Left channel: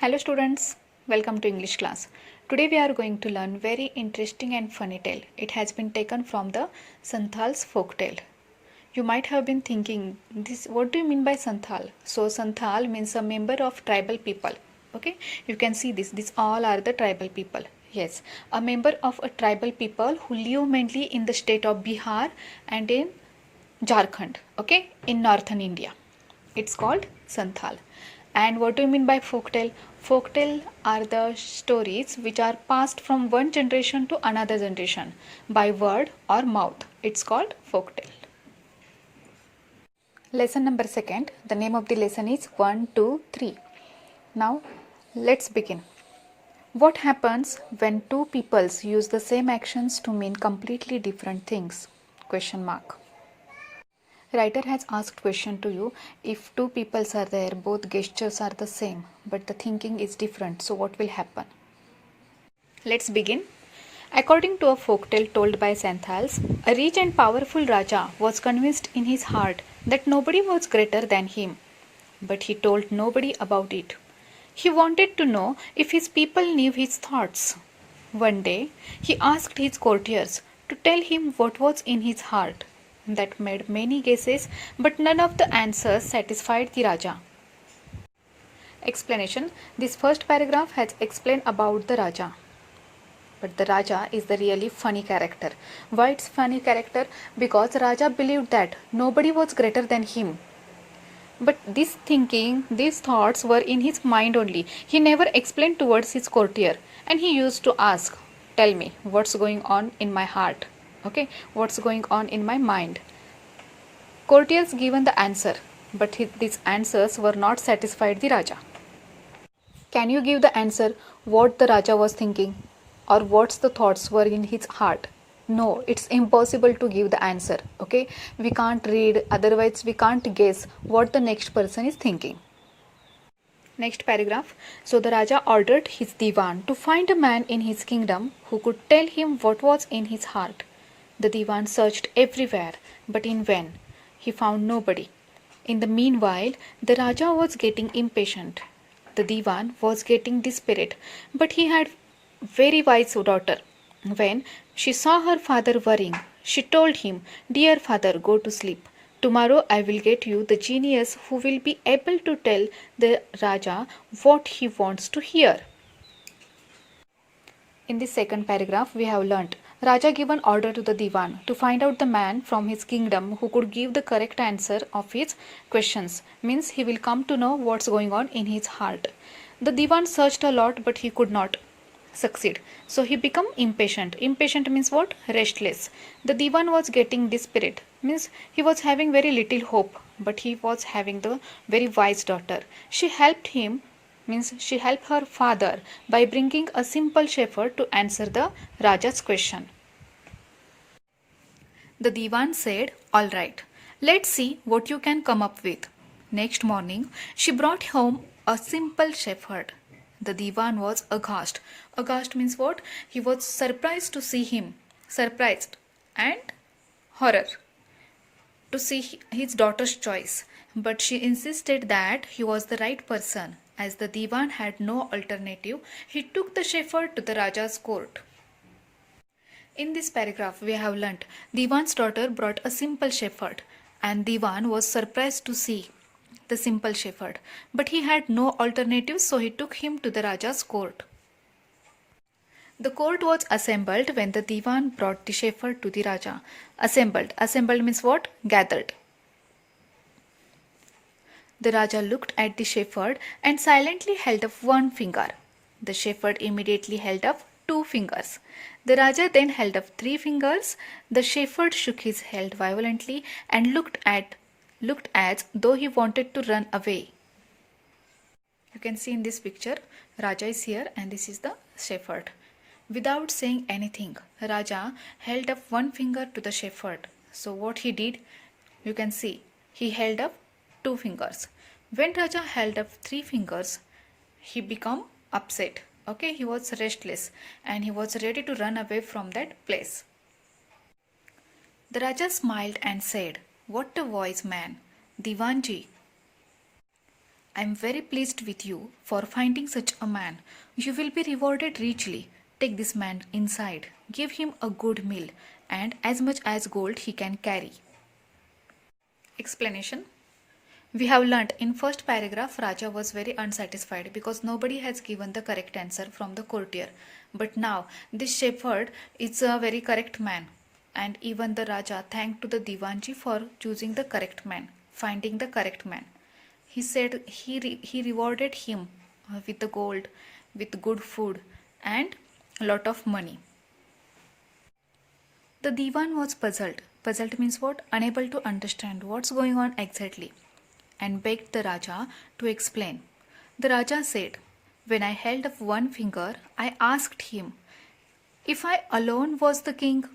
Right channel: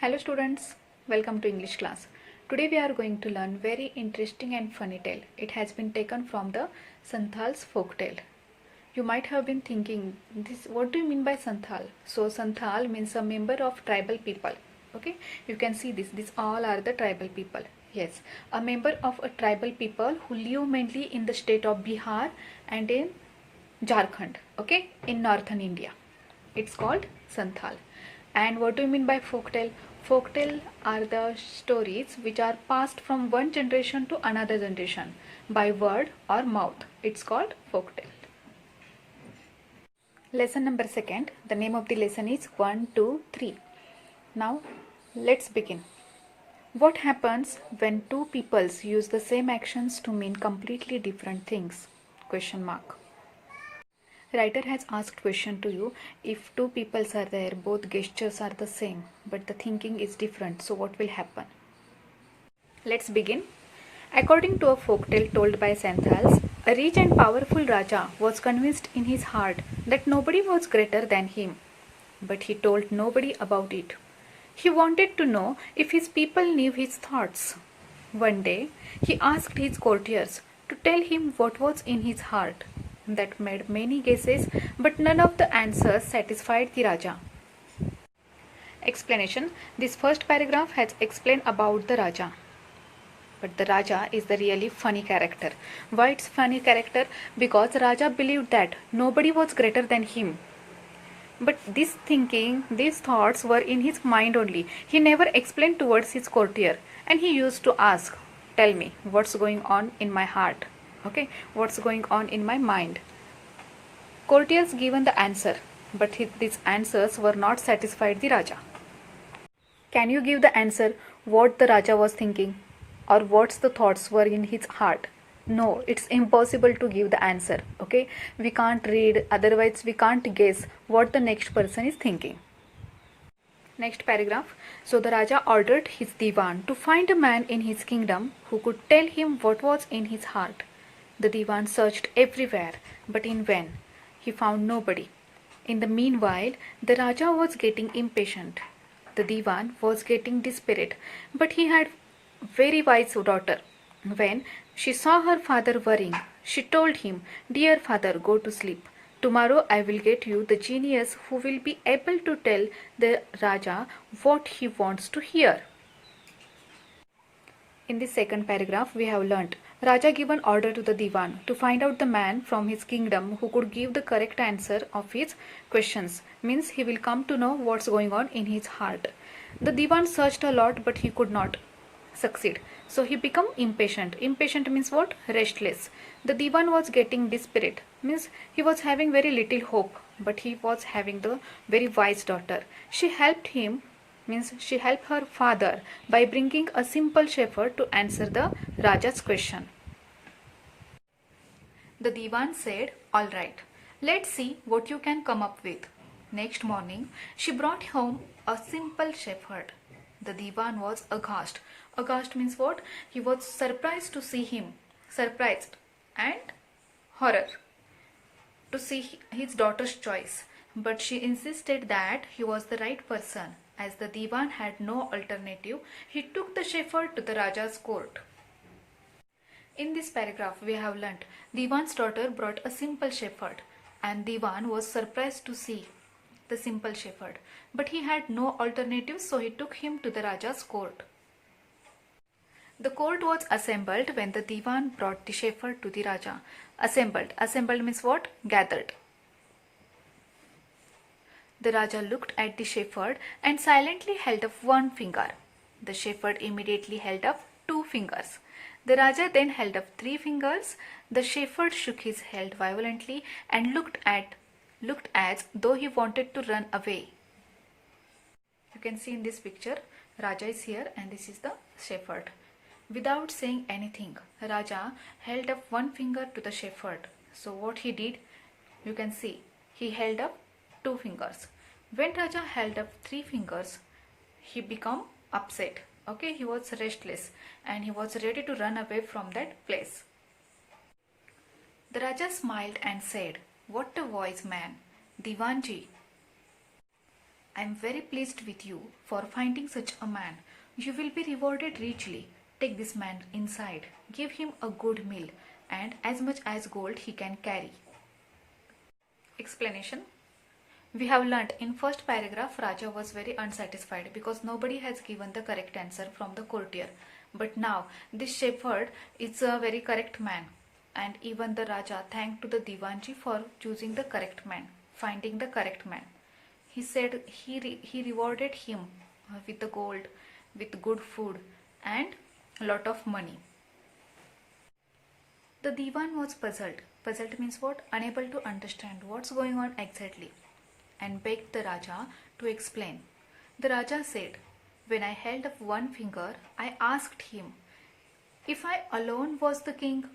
Hello students, welcome to English class. Today we are going to learn very interesting and funny tale. It has been taken from the Santhal's folk tale. You might have been thinking, this what do you mean by Santhal? So Santhal means a member of tribal people. Okay, you can see this. These all are the tribal people. Yes, a member of a tribal people who live mainly in the state of Bihar and in Jharkhand. Okay, in northern India. It's called Santhal. And what do you mean by folktale? Folktale are the stories which are passed from one generation to another generation by word or mouth. It's called folktale. Lesson number second. The name of the lesson is 1, 2, 3. Now let's begin. What happens when two peoples use the same actions to mean completely different things? Question mark. Writer has asked question to you, if two peoples are there, both gestures are the same, but the thinking is different, so what will happen? Let's begin. According to a folktale told by Santhals, a rich and powerful Raja was convinced in his heart that nobody was greater than him, but he told nobody about it. He wanted to know if his people knew his thoughts. One day, he asked his courtiers to tell him what was in his heart. That made many guesses, but none of the answers satisfied the Raja. Explanation. This first paragraph has explained about the Raja. But the Raja is the really funny character. Why it's funny character? Because Raja believed that nobody was greater than him. But this thinking, these thoughts were in his mind only. He never explained towards his courtier. And he used to ask, tell me what's going on in my heart. Okay, what's going on in my mind. Courtiers given the answer, but these answers were not satisfied the Raja. Can you give the answer what the Raja was thinking or what's the thoughts were in his heart? No, it's impossible to give the answer. Okay, we can't read, otherwise we can't guess what the next person is thinking. Next paragraph. So the Raja ordered his Diwan to find a man in his kingdom who could tell him what was in his heart. The Diwan searched everywhere, but in vain. He found nobody. In the meanwhile, the Raja was getting impatient. The Diwan was getting desperate, but he had very wise daughter. When she saw her father worrying, she told him, "Dear father, go to sleep. Tomorrow I will get you the genius who will be able to tell the Raja what he wants to hear." In this second paragraph, we have learnt Raja given order to the Diwan to find out the man from his kingdom who could give the correct answer of his questions. Means he will come to know what's going on in his heart. The Diwan searched a lot, but he could not succeed. So he became impatient. Impatient means what? Restless. The Diwan was getting desperate. Means he was having very little hope, but he was having the very wise daughter. She helped him, means she helped her father by bringing a simple shepherd to answer the Raja's question. The Diwan said, "All right, let's see what you can come up with." Next morning, she brought home a simple shepherd. The Diwan was aghast. Aghast means what? He was surprised to see him. Surprised and horror to see his daughter's choice. But she insisted that he was the right person. As the Diwan had no alternative, he took the shepherd to the Raja's court. In this paragraph, we have learnt Diwan's daughter brought a simple shepherd, and Diwan was surprised to see the simple shepherd. But he had no alternative, so he took him to the Raja's court. The court was assembled when the Diwan brought the shepherd to the Raja. Assembled. Assembled means what? Gathered. The Raja looked at the shepherd and silently held up one finger. The shepherd immediately held up 2 fingers. The Raja then held up 3 fingers. The shepherd shook his head violently and looked as though he wanted to run away. You can see in this picture, Raja is here and this is the shepherd. Without saying anything, Raja held up one finger to the shepherd. So what he did, you can see, he held up 2 fingers. When Raja held up 3 fingers, he became upset. Okay, he was restless and he was ready to run away from that place. The Raja smiled and said, "What a wise man, Diwanji. I am very pleased with you for finding such a man. You will be rewarded richly. Take this man inside, give him a good meal, and as much as gold he can carry. Explanation. We have learnt in first paragraph Raja was very unsatisfied because nobody has given the correct answer from the courtier. But now this shepherd is a very correct man, and even the Raja thanked to the Divanji for choosing the correct man, finding the correct man. He said he rewarded him with the gold, with good food and a lot of money. The Divan was puzzled. Puzzled means what? Unable to understand what's going on exactly, and begged the Raja to explain. The Raja said, when I held up one finger, I asked him if I alone was the king.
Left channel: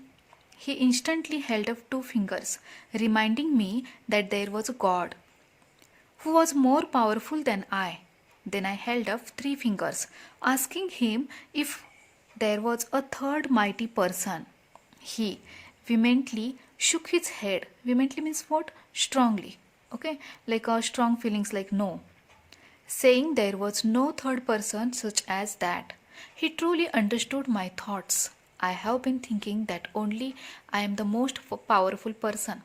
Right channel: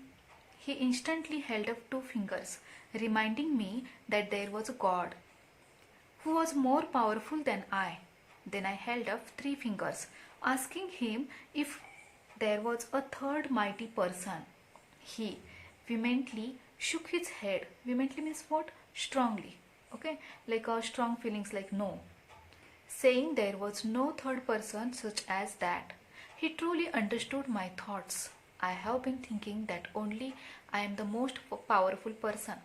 He instantly held up two fingers, reminding me that there was a God who was more powerful than I. Then I held up three fingers, asking him if there was a third mighty person. He vehemently shook his head. Vehemently means what? Strongly. Okay, like strong feelings like no, saying there was no third person such as that. He truly understood my thoughts. I have been thinking that only I am the most powerful person.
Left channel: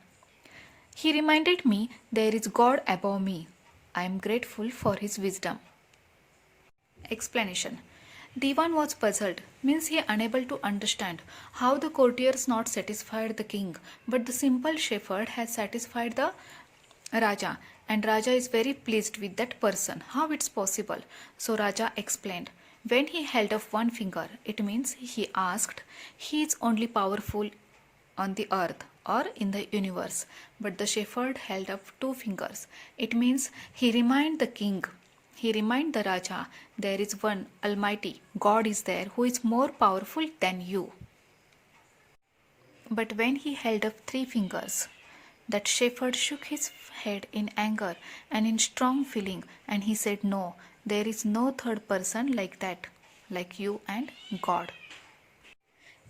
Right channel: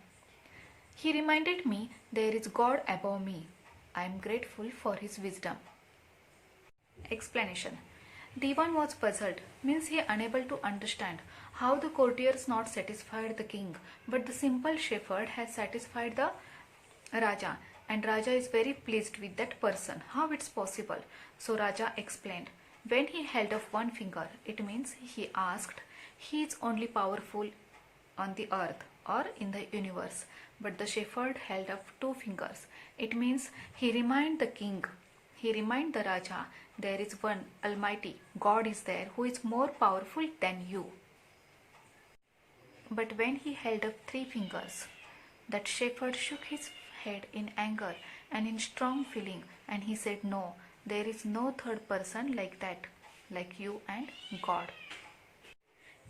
He reminded me there is God above me. I am grateful for his wisdom. Explanation. Divan was puzzled, means he unable to understand how the courtiers not satisfied the king, but the simple shepherd has satisfied the Raja, and Raja is very pleased with that person. How it's possible? So Raja explained. When he held up one finger, it means he asked, he is only powerful on the earth or in the universe. But the shepherd held up two fingers. It means he reminded the king, he reminded the Raja, there is one Almighty, God is there who is more powerful than you. But when he held up three fingers, that shepherd shook his head in anger and in strong feeling, and he said, no, there is no third person like that, like you and God.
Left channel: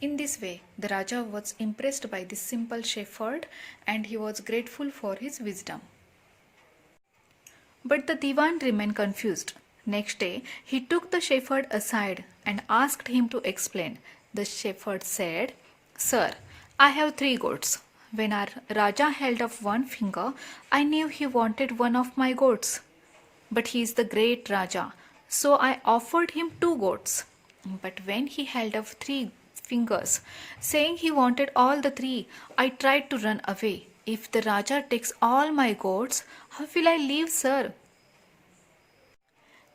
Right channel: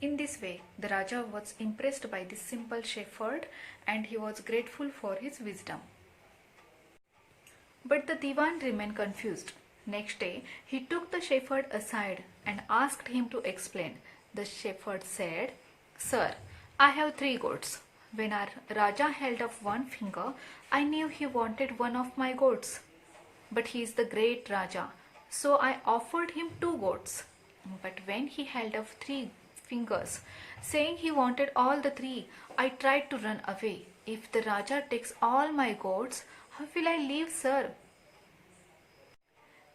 In this way, the Raja was impressed by this simple shepherd and he was grateful for his wisdom. But the Divan remained confused. Next day, he took the shepherd aside and asked him to explain. The shepherd said, Sir, I have three goats. When our Raja held up one finger, I knew he wanted one of my goats. But he is the great Raja, so I offered him two goats. But when he held up three fingers, saying he wanted all the three, I tried to run away. If the Raja takes all my goats, how will I live, sir?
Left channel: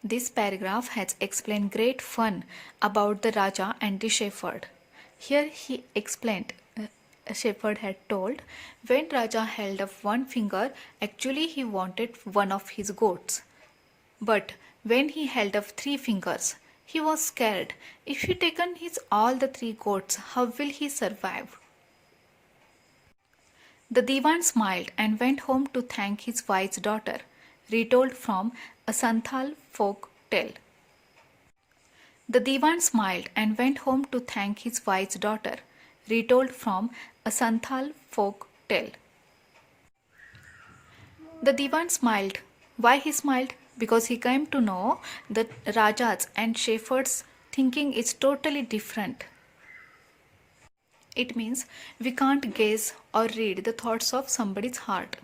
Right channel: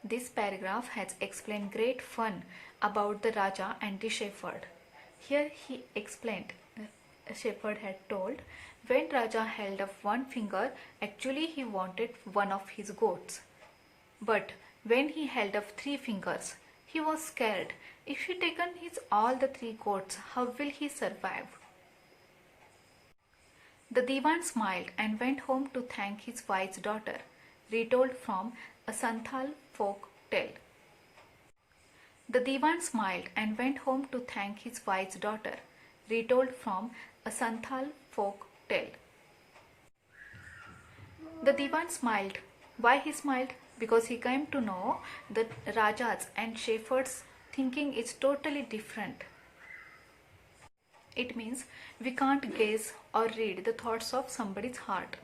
This paragraph has explained great fun about the Raja and the shepherd. Here he explained, a shepherd had told, when Raja held up one finger, actually he wanted one of his goats. But when he held up three fingers, he was scared. If he taken his all the three goats, how will he survive? The Divan smiled and went home to thank his wise daughter, retold from a Santhal folk tale. The Divan smiled and went home to thank his wise daughter, retold from a Santhal folk tale. The Divan smiled. Why he smiled? Because he came to know that Rajas and shepherds' thinking is totally different. It means we can't guess or read the thoughts of somebody's heart.